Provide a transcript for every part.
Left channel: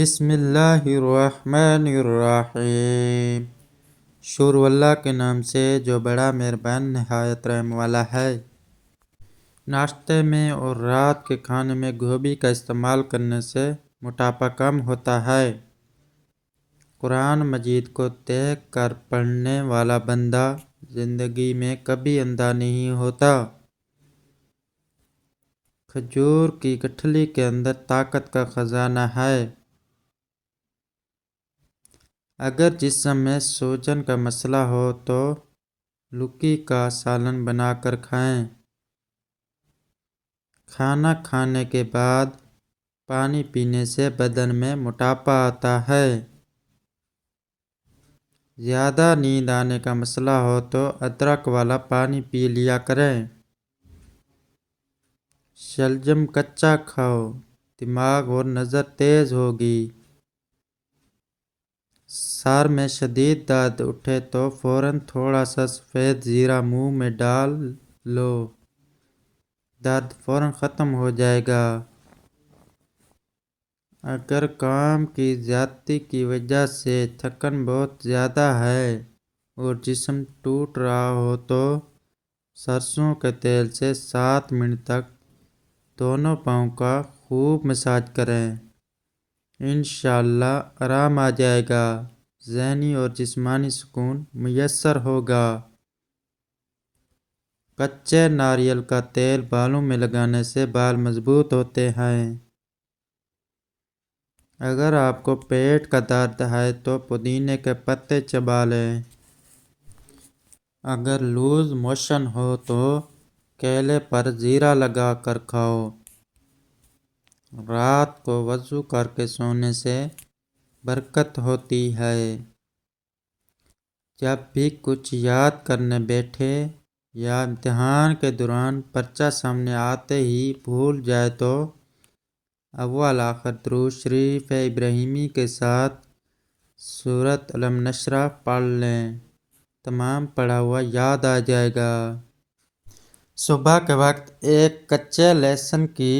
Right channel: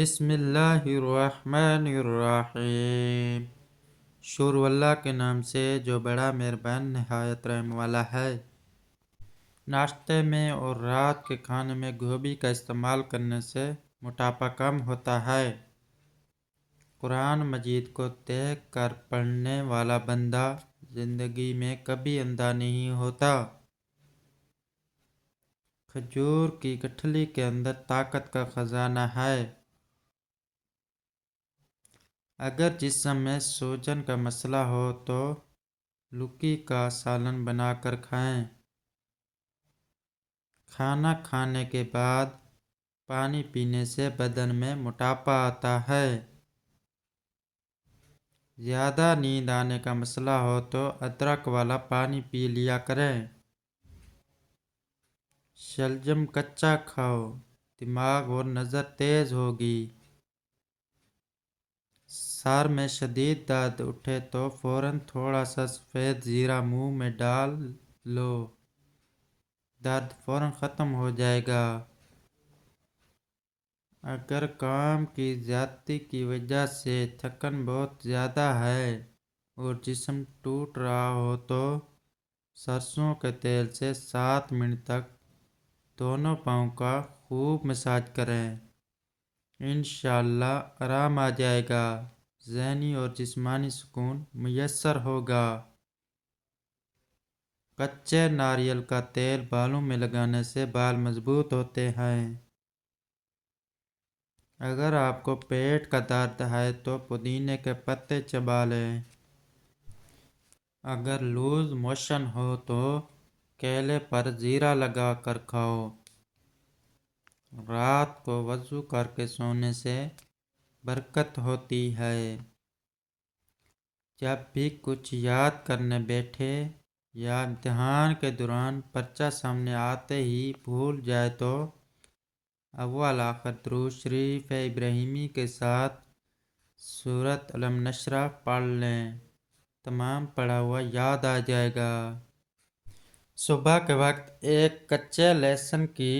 بسم اللہ الرحمن الرحیم۔ شروع اللہ کے نام سے جو بڑا مہربان نہایت رحم والا ہے۔ ناشتے میں اور رات کے کھانے میں گوبھی کا استعمال کرنے سے موٹاپا کم ہوتا ہے۔ قرآن مجید کو دیکھ کر پڑھنے والا بندہ زندگی میں کبھی اندھا نہیں ہوتا۔ کھجور کی گٹھلی کے اندر طاقت کا خزانہ ہے۔ اگر جسم میں سوجن کا مسئلہ ہو تو لوکی کا سالن بنا کر کھائیں۔ کھانا کھانے کے بعد پانی پینے سے بدن میں موٹاپا آتا ہے۔ زیادہ نیند آنے کا مسئلہ ہو تو ادرک والا پانی پی لیا کریں۔ شلجم کچا کھاؤ، دماغ اور نظر تیز ہوگی۔ سر میں شدید درد اٹھے تو فوراً تھوڑا سا سفید زیرہ منہ میں ڈال لو، درد فوراً ختم ہو جائے گا۔ اگر کام کی زیادتی کی وجہ سے تھکن بہت زیادہ ہے اور جسم ٹوٹ رہا ہو تو سرسوں کے تیل سے 7 منٹ تک دونوں پاؤں کا خوب مساج کریں۔ انشاءاللہ آرام آ جائے گا، ذہنی اور جسمانی سکون میسر ہوگا۔ کچے ناریل کا تیل بالوں میں لگانے سے بال مضبوط ہوتے ہیں۔ اگر آپ کو پیٹ کا درد ہے تو پودینے کے پتے چبا لیں۔ اگر لوز موشن ہو تو کیلے پر زیرہ لگا کر کھاؤ۔ رات کو وضو کر کے سونے سے برکت ہوتی ہے۔ جب بھی کچھ یاد کرنے بیٹھے یا امتحان کے دوران پرچہ سامنے آتے ہی بھول جائے تو اول آخر درود شریف ابراہیمی کے ساتھ سورۃ علم نشرہ پڑھ لیں، تمام پڑھا ہوا یاد آ جائے گا۔ صبح کے وقت ایک کچے لہسن کی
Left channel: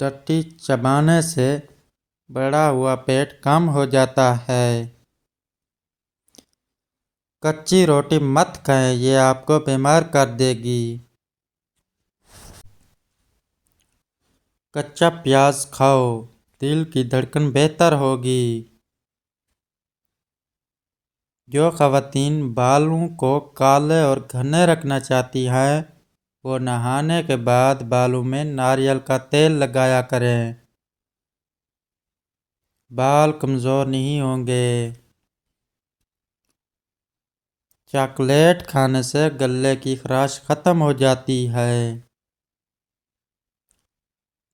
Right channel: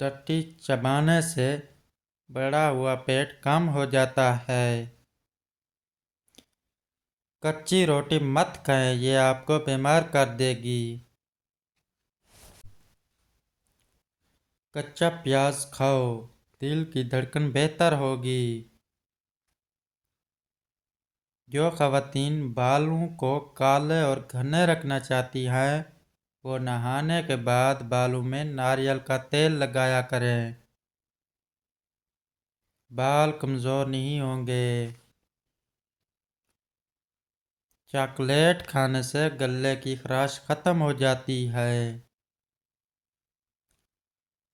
ڈنڈی چبانے سے بڑھا ہوا پیٹ کم ہو جاتا ہے۔ کچی روٹی مت کھائیں، یہ آپ کو بیمار کر دے گی۔ کچا پیاز کھاؤ، دل کی دھڑکن بہتر ہوگی۔ جو خواتین بالوں کو کالے اور گھنے رکھنا چاہتی ہیں وہ نہانے کے بعد بالوں میں ناریل کا تیل لگایا کریں، بال کمزور نہیں ہوں گے۔ چاکلیٹ کھانے سے گلے کی خراش ختم ہو جاتی ہے۔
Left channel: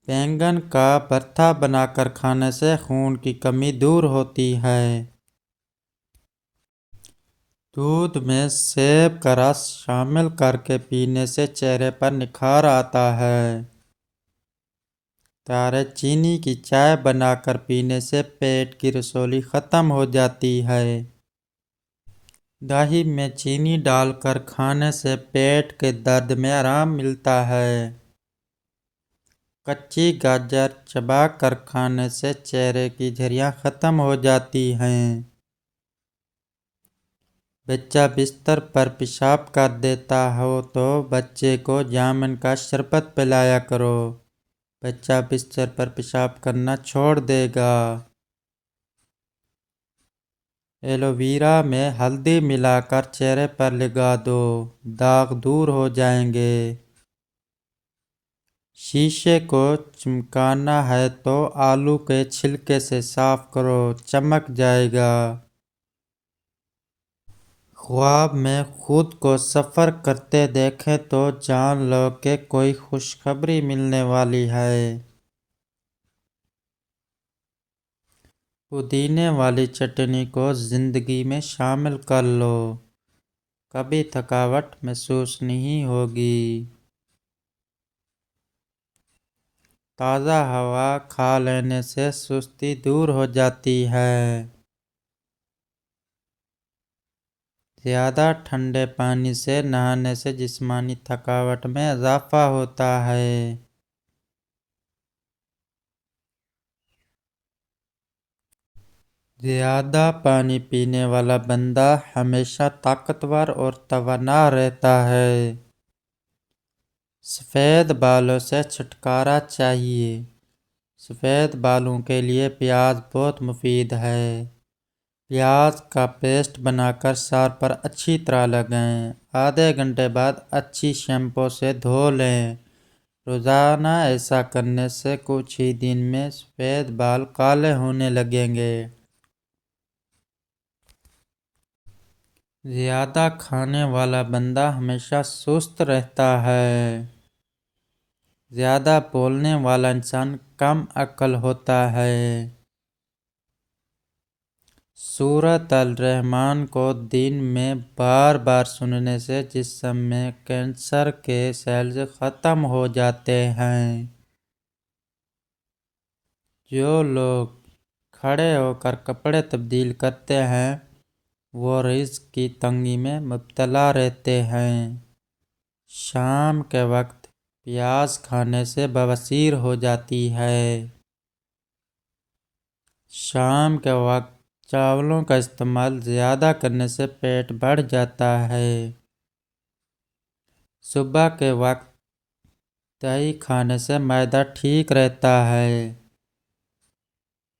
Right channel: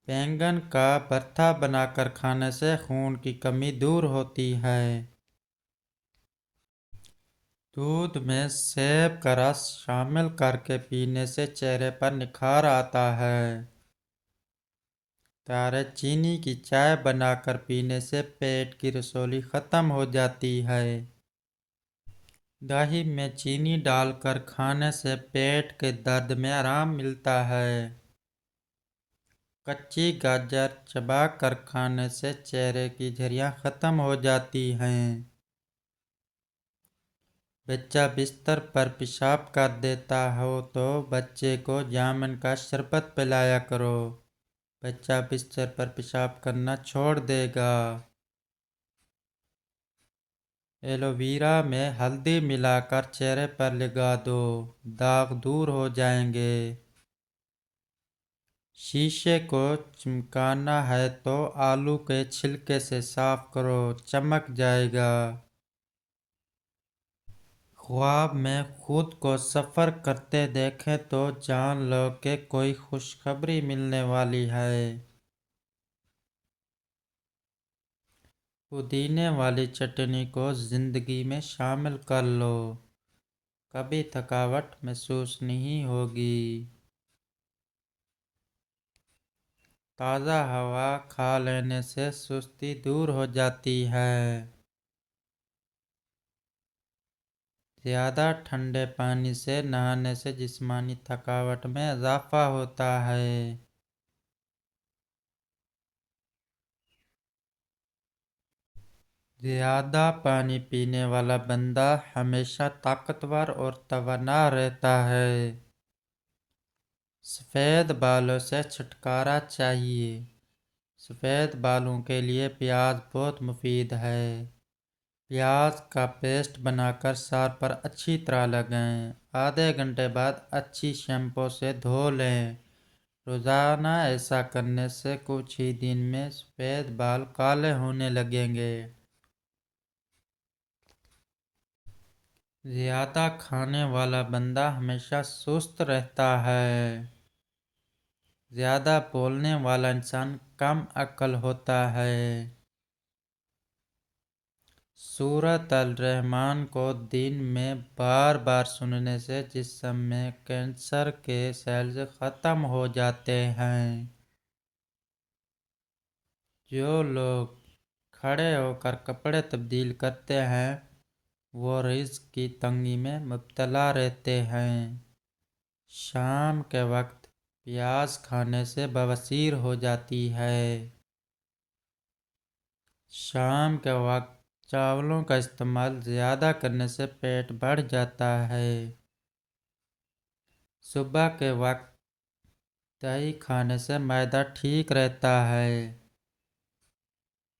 بینگن کا بھرتا بنا کر کھانے سے خون کی کمی دور ہوتی ہے۔ دودھ میں سیب کا رس شامل کر کے پینے سے چہرے پر نکھار آتا ہے۔ دارے چینی کی چائے بنا کر پینے سے پیٹ کی رسولی ختم ہو جاتی ہے۔ دہی میں چینی ڈال کر کھانے سے پیٹ کے درد میں آرام ملتا ہے۔ کچی گاجر چبا کر کھانے سے چہرے کی جھریاں ختم ہو جاتی ہیں۔ بچہ بستر پر پیشاب کر دیتا ہو تو بچے کو جامن کا شربت پلایا کرو، بچہ بستر پر پیشاب کرنا چھوڑ دے گا۔ ایلو ویرا میں ہلدی ملا کر چہرے پر لگا دو، داغ دور ہو جائیں گے۔ شیشے کو چمکانا ہے تو آلو کے چھلکے سے صاف کرو، چمک جائے گا۔ خواب میں خود کو سفر کرتے دیکھیں تو جان لو کہ کوئی خوشخبری ملنے والی ہے۔ پودینے والی چٹنی کو زندگی میں شامل کر لو، کبھی تھکاوٹ محسوس نہیں ہوگی۔ تازہ ہوا کھا لینے سے سستی دور ہو جاتی ہے۔ زیادہ ٹھنڈے پانی سے نہانے سے جسمانی تھکاوٹ میں اضافہ ہوتا ہے۔ زیادہ پانی پینے والا بندہ ہمیشہ طاقتور اور توانا رہتا ہے۔ سفید بالوں سے چھٹکارا چاہیے۔ سفید بالوں کے لیے پیاز بہت مفید ہے۔ پیاز کا پیسٹ بنا کر سر پر اچھی طرح لگائیں۔ آدھے گھنٹے بعد اچھی شیمپو سے دھو لیں۔ روزانہ ایسا کرنے سے کچھ ہی دن میں سفید بال کالے ہونے لگیں گے۔ زیادہ کھانے والا بندہ ہمیشہ سست رہتا ہے۔ زیادہ بولنے والا انسان کم عقل ہوتا ہے۔ سورۃ الرحمن کو دن میں بار بار سننے سے جسم میں کینسر کے سیلز ختم ہو جاتے ہیں۔ جو لوگ کھڑے ہو کر کپڑے تبدیل کرتے ہیں وہ رزق کی تنگی میں مبتلا رہتے ہیں۔ شام کے وقت پیاز کھانے سے بواسیر ہو جاتی ہے۔ شام کے وقت چاولوں کا استعمال زیادہ کرنے سے پیٹ بڑھ جاتا ہے۔ صبح کے وقت دہی کھانے سے معدہ ٹھیک رہتا ہے۔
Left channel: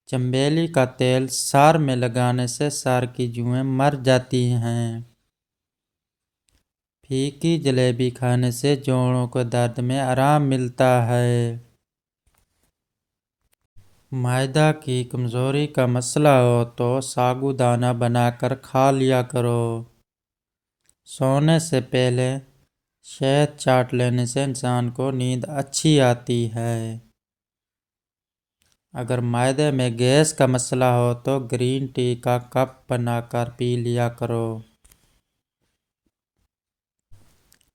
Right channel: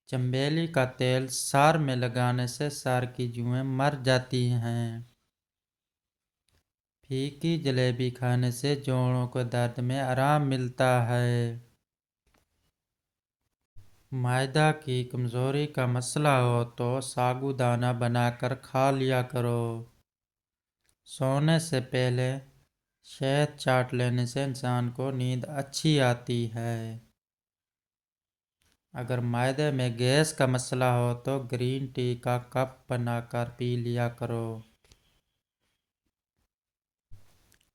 چنبیلی کا تیل سر میں لگانے سے سر کی جوئیں مر جاتی ہیں۔ پھیکی جلیبی کھانے سے جوڑوں کو درد میں آرام ملتا ہے۔ معدہ کی کمزوری کا مسئلہ ہو تو سابودانہ بنا کر کھا لیا کرو۔ سونے سے پہلے شہد چاٹ لینے سے انسان کو نیند اچھی آتی ہے۔ اگر معدے میں گیس کا مسئلہ ہو تو گرین ٹی کا کپ بنا کر پی لیا کرو۔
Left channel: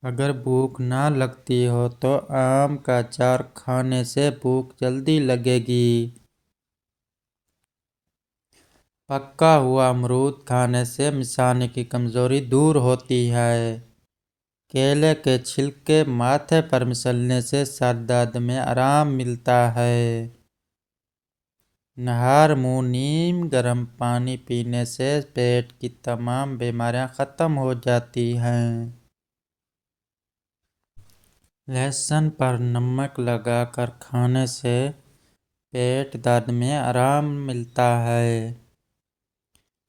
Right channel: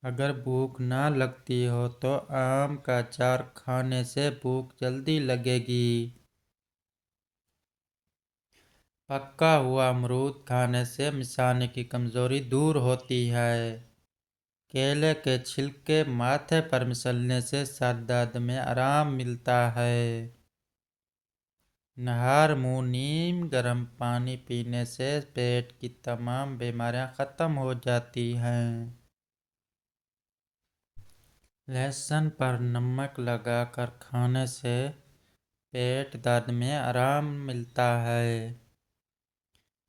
اگر بھوک نہ لگتی ہو تو آم کا اچار کھانے سے بھوک جلدی لگے گی۔ پکا ہوا امرود کھانے سے مثانے کی کمزوری دور ہوتی ہے۔ کیلے کے چھلکے ماتھے پر مسلنے سے سر درد میں آرام ملتا ہے۔ نہار منہ نیم گرم پانی پینے سے پیٹ کی تمام بیماریاں ختم ہو جاتی ہیں۔ لہسن پر نمک لگا کر کھانے سے پیٹ درد میں آرام ملتا ہے۔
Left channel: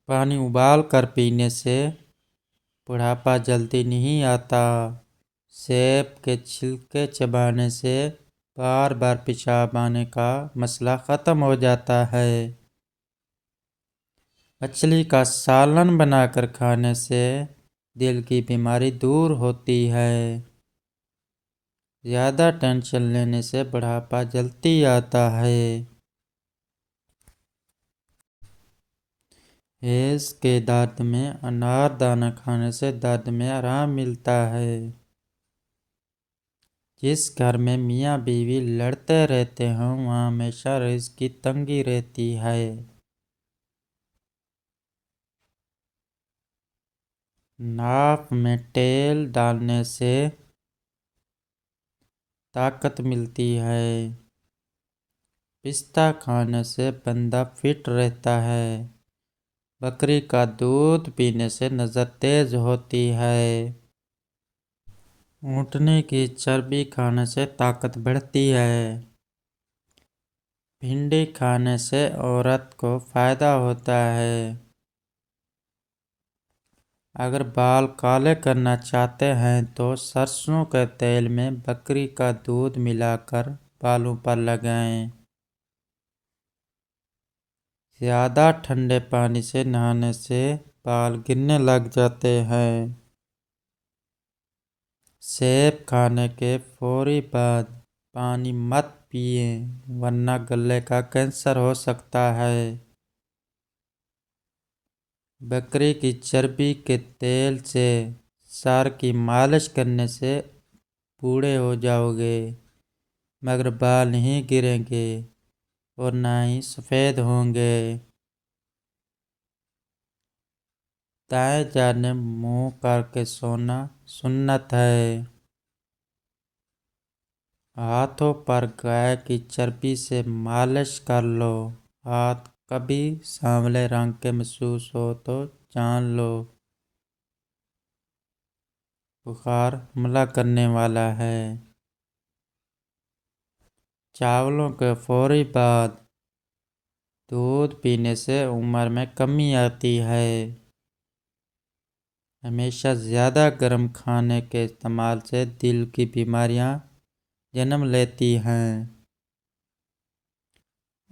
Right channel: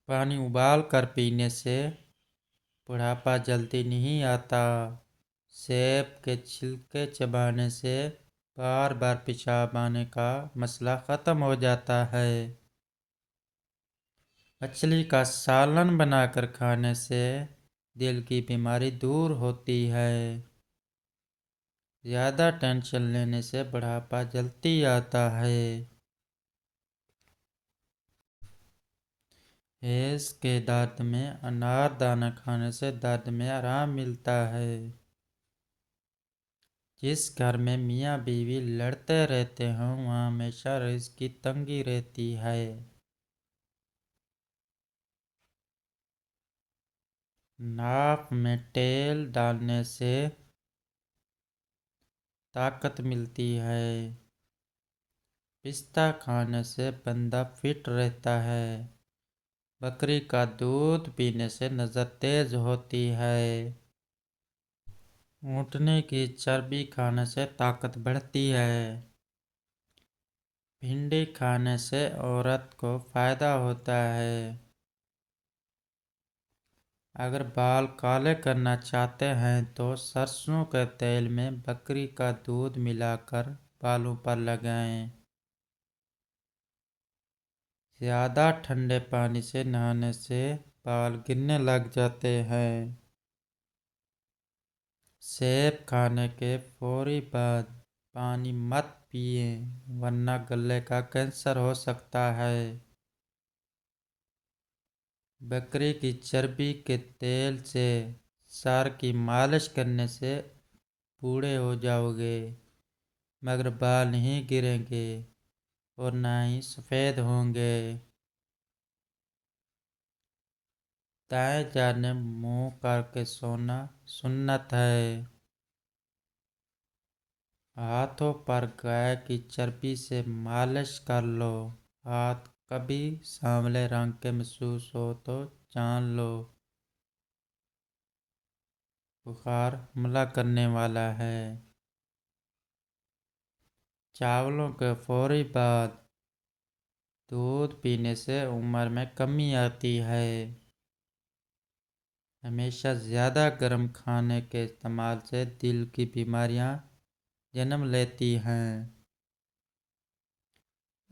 پانی ابال کر پینے سے بڑھاپا جلدی نہیں آتا۔ سیب کے چھلکے چبانے سے بار بار پیشاب آنے کا مسئلہ ختم ہو جاتا ہے۔ مچھلی کا سالن بنا کر کھانے سے دل کی بیماری دور ہوتی ہے۔ زیادہ ٹینشن لینے سے بڑھاپا جلدی آتا ہے۔ گیس کے درد میں انار دانہ کھانے سے درد میں آرام ملتا ہے۔ جس گھر میں میاں بیوی لڑتے رہتے ہوں وہاں ہمیشہ رزق کی تنگی رہتی ہے۔ ناک میں تیل ڈالنے سے طاقت ملتی ہے۔ پستہ کھانے سے بندہ فٹ رہتا ہے۔ بکری کا دودھ پینے سے نظر تیز ہوتی ہے۔ اونٹنی کی چربی کھانے سے طاقت بڑھتی ہے۔ بھنڈی کھانے سے عورت کو فائدہ ہوتا ہے۔ اگر بال کالے کرنا چاہتے ہیں تو سرسوں کے تیل میں بکری کا دودھ ملا کر بالوں پر لگائیں۔ زیادہ ٹھنڈے پانی سے نہانے سے بال گرنے لگ جاتے ہیں۔ سیب کھانے کے فوری بعد پانی مت پئیں ورنہ گلے کا کینسر ہو سکتا ہے۔ بکری کی چربی کے تیل سے سر کی مالش کرنے سے بوڑھے ہو جاؤ گے مگر بال نہیں گریں گے اور نہ ہی سفید ہوں گے۔ دائیں جانب منہ کر کے سونا سنت ہے۔ ہاتھوں پر گائے کی چربی سے مالش کر لو۔ ہاتھ کبھی سانولے رنگ کے محسوس ہو تو جان لو بخار حملہ کرنے والا ہے۔ چاولوں کے فوری بعد دودھ پینے سے عمر میں کمی آتی ہے۔ ہمیشہ زیادہ گرم کھانے کے استعمال سے دل کی بیماریاں جنم لیتی ہیں۔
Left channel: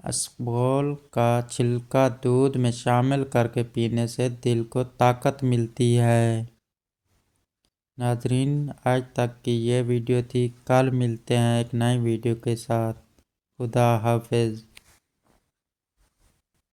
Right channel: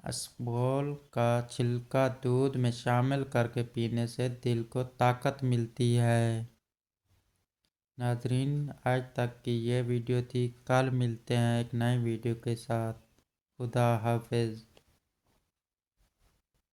اسبگول کا چھلکا دودھ میں شامل کر کے پینے سے دل کو طاقت ملتی ہے۔ ناظرین، آج تک کی یہ ویڈیو تھی۔ کل ملتے ہیں ایک نئی ویڈیو کے ساتھ۔ خدا حافظ۔